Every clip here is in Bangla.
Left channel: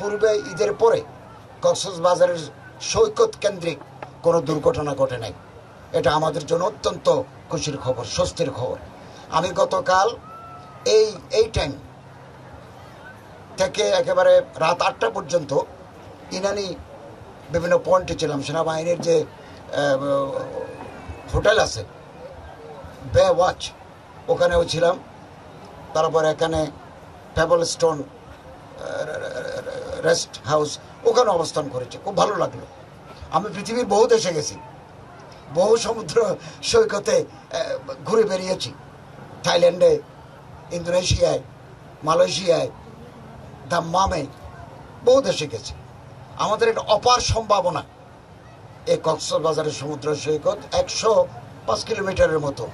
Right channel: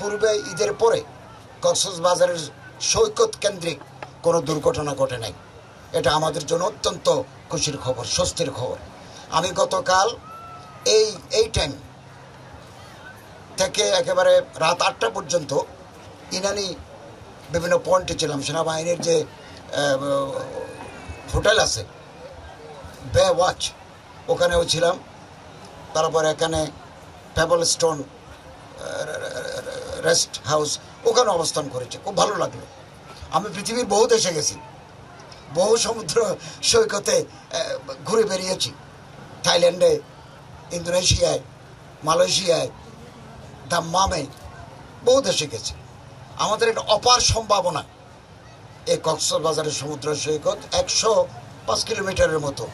পূর্বে ঈদের পরে কক্সবাজারের সৈকত কেন্দ্রিক কোনো দুর্ঘটনা ঘটে নাই। এটা আমাদের জন্য অত্যন্ত খুশির খবর, স্বস্তির খবর। আমি গতকাল এই টাইম থেকে একেবারে রাত 8টা পর্যন্ত ইনানি বিভিন্ন পয়েন্টে ছিলাম। সেনাবাহিনীর যে হোটেল আছে বে ওয়াচ, ওখানেও ছিলাম। তারপর এখানে পেবল স্টোন রেস্ট হাউস, ওখানে অবস্থান করেছে। খুব ভালো লাগলো। আমি পৃথিবীর বহু দেশে গেছি, বহু সমুদ্র সৈকতে ঘুরে বেরিয়েছি। থাইল্যান্ডে, ইন্দোনেশিয়ায়, মালয়েশিয়ায়, দাম্মামে, বহু দেশে গেছি। আমাদের একটা অপার সম্ভাবনা এই কক্সবাজারের সমুদ্র সৈকত। 105 কিলোমিটারের মতো,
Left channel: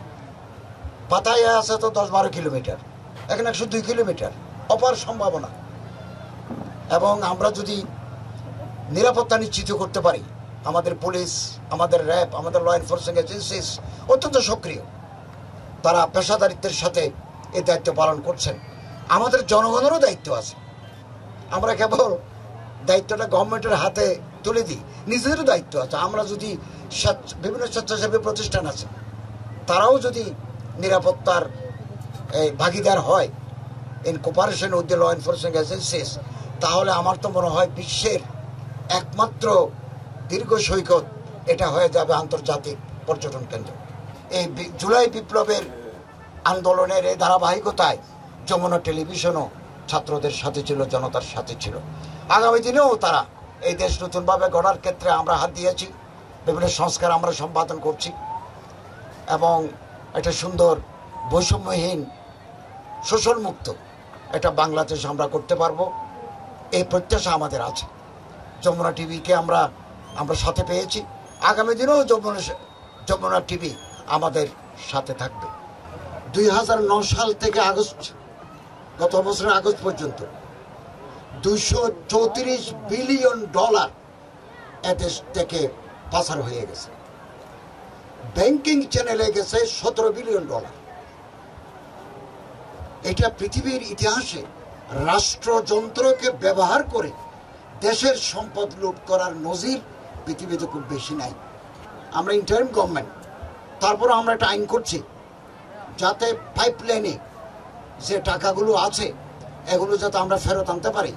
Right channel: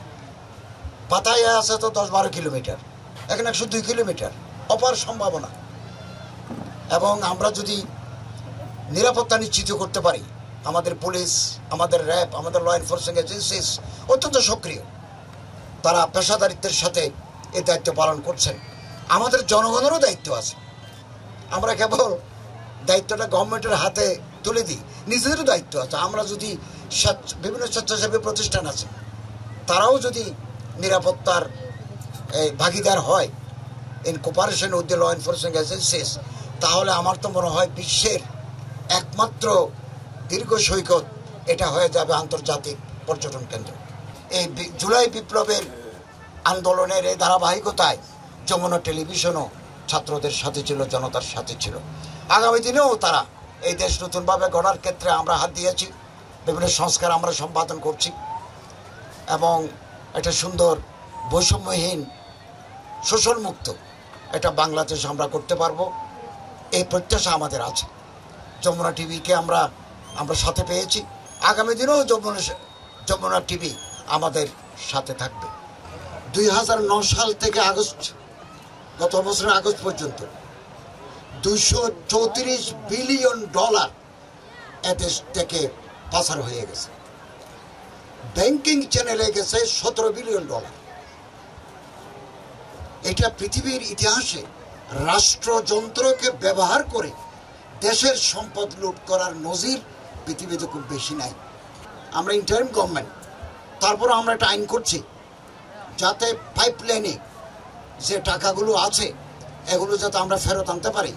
পাতায় আছে তো 10-12 কিলোমিটার, এখানে 102 কিলোমিটার, অপার সম্ভাবনা। এবং আমরা যদি নিরাপত্তা নিশ্চিত করতে পারি, আমাদের পুলিশ, আমাদের র্যাব, আমাদের ল এনফোর্সিং এজেন্সিস অত্যন্ত সক্রিয়, তারা পেশাদারিত্বের সাথে এই দায়িত্ব পালন করছেন। আমাদের জনগণেরও দায়িত্ব আছে। আমরা কেবল দায়িত্বটা গভর্নমেন্টের হাতে তুলে দিই, নিজেদেরও দায়িত্ব আছে। আমরা যদি বিভিন্ন স্বেচ্ছাসেবী প্রতিষ্ঠান আছে, তারাও যদি নিরাপত্তার ভাগিদার হয় in cooperation with the law enforcing agencies, তাহলে আমার তো মনে হয় বিশ্বের একমাত্র দীর্ঘ সৈকত এটা হয়ে যাবে আন্তর্জাতিক পর্যটন কেন্দ্র। এই জুলাই বিপ্লবের আন্দোলনের এই ধারাবাহিকতায় যমুনা টেলিভিশনও ছাত্রদের সাথে ছিল, জনতার সাথে ছিল। আগামী দিনেও তারা এই দেশ নতুনভাবে গড়ার ক্ষেত্রে আমরা হাত দিয়েছি, বিভিন্ন সংস্কার আমরা সম্পাদন করছি এবং একটা সুন্দর বৈষম্যহীন শোষণমুক্ত একটা বাংলাদেশ আমরা করতে পারবো, এই প্রত্যাশা আমাদের আছে। যমুনা টিভিকে আমরা সাথে পেয়েছি। আগামী দিনেও যমুনা টিভি আমাদের সাথে থাকবে। 2009 সাল থেকে গত বছরের আগস্ট পর্যন্ত $234 বিলিয়ন এদেশ থেকে পাচার হয়ে গেছে। ব্যাংকিং চ্যানেলে গেছে $17 বিলিয়ন। এটা পৃথিবীর ইতিহাসে রাষ্ট্রযন্ত্রকে ব্যবহার করে দেশের সম্পদ লুট করার নজির পৃথিবীতে খুব বেশি নাই। আমরা ইন্টারিম গভর্নমেন্ট, তারপরে আমরা একটা আইন করছি যাতে পাইপলাইনে যে টাকাগুলো আছে এগুলো যাতে আমরা ফেরত আনতে পারি।